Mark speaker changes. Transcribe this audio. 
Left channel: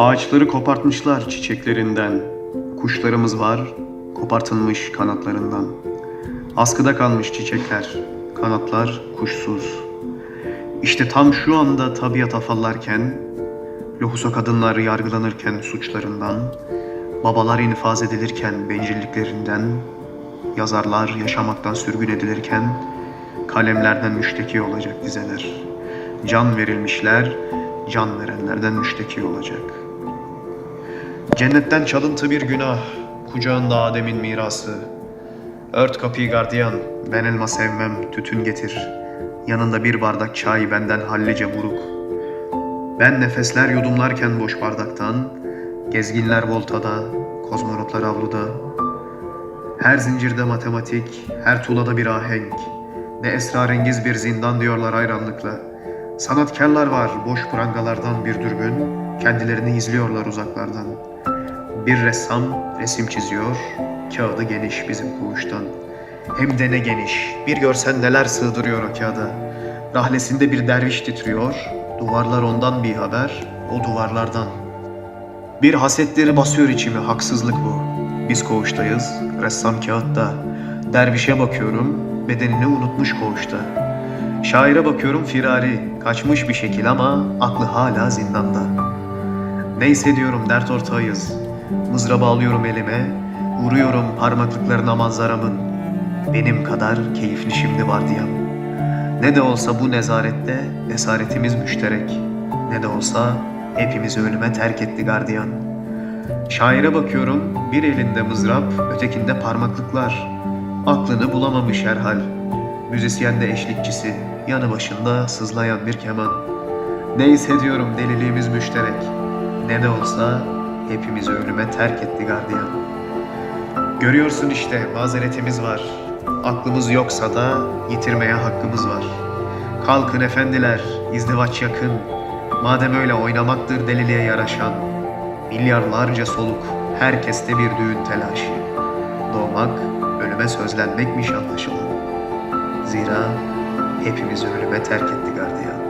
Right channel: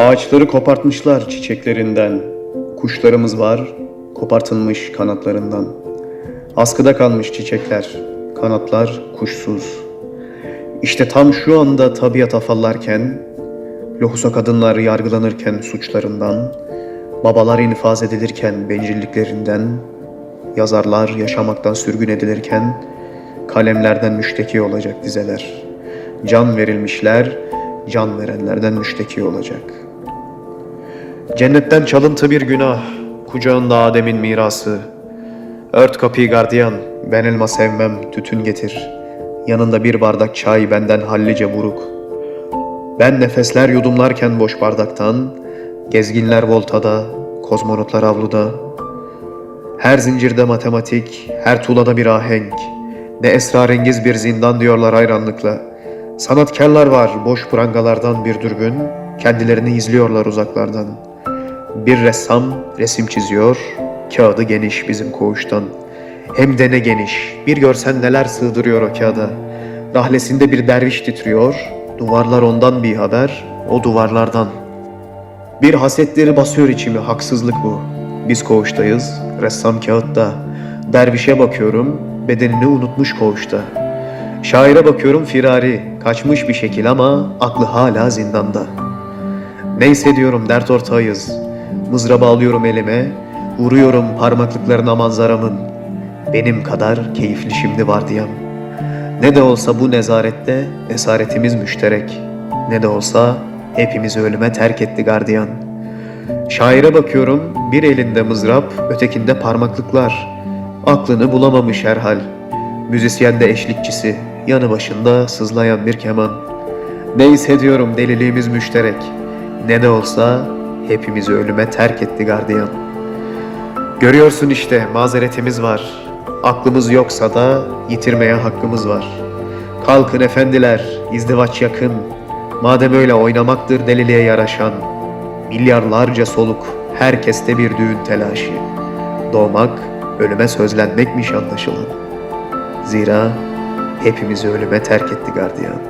Speaker 1: Ağaçları kopartmışlar çiçeklerinden. Kuşlarımız var, kopartılmış kanatlarından. Askıda kalmış çiçekler, kanatlar kuşsuz. İşte tam şu anda tabiat afallarken, lohusa kadınlar yargılanırken suçlarından, babalar infaz edilirken bencilliklerinden, yazarlar yaşamaktan sürgün edilirken, kalemlerden müşteki olacak dizeler. Can verilmişler, can verenlerden müşteki olacak. Cennetten çalıntı bir günah, kucağında Adem'in mirası. Ört kapıyı gardiyan, ben elma sevmem, tütün getir. Yanında bir bardak çay benden hallice buruk. Ben nefesler yudumlarken boş bardaktan, gezginler voltada, kozmonotlar avluda. Her zincirde matematik, her tuğlada bir ahenk. Ne esrarengiz bir zindan diyorlar hayranlıkla. Sanatkarlar var boş prangalardan bir dürbün, kendilerini izliyorlar uzaklardan. Bir ressam resim çiziyor, kağıdı geniş bizim koğuştan. Hem de ne geniş, bir görsen neler sığdırıyor o kağıda. Rahlesinde bir derviş titriyor, duvarlar ondan bir haber, o duvarlardan. Bir hasetleri basıyor içimi, haksızlık bu. Biz koğuştayız, ressam kağıtta. Dervişe bakıyorum, bedenini unutmuş koğuşta. Şaire bakıyorum firari, kaçmış bir şekil ama aklı hala zindanda. Neyse diyorum dert ortağıyız. Mızraba alıyorum elime, vuruyorum parmaklıklarına manzaramın. Benim kadar keyifli şimdi vardiyam. Ne de olsa bu nezarette esaretimiz müşterek. Ne de olsa hepimizi ölüme terk etti gardiyan. Şaire bakıyorum, bir elinde mızrap, ötekinde parmaklıklar. Aklını bulamamış herhal. Müzisyen de eşlikçisi, yanı başında sızlayan bir keman. Neyse diyorum deliliğimiz müşterek. Ne de olsa hepimizi ölüme terk etti gardiyan. Görüyorsun işte mazeretimiz var. Aklımız yoksa da yitirmeye hakkımız var. Kalkın efendiler, izdivaç yakın. Madem öyle oynamaktır deliliğe yaraşan. Milyarlarca soluk, herkeste bir düğün telaşı. Doğmak, ölüme sözlenmekmiş anlaşılan. Zira hepimizi ölüme terk etti gardiyan.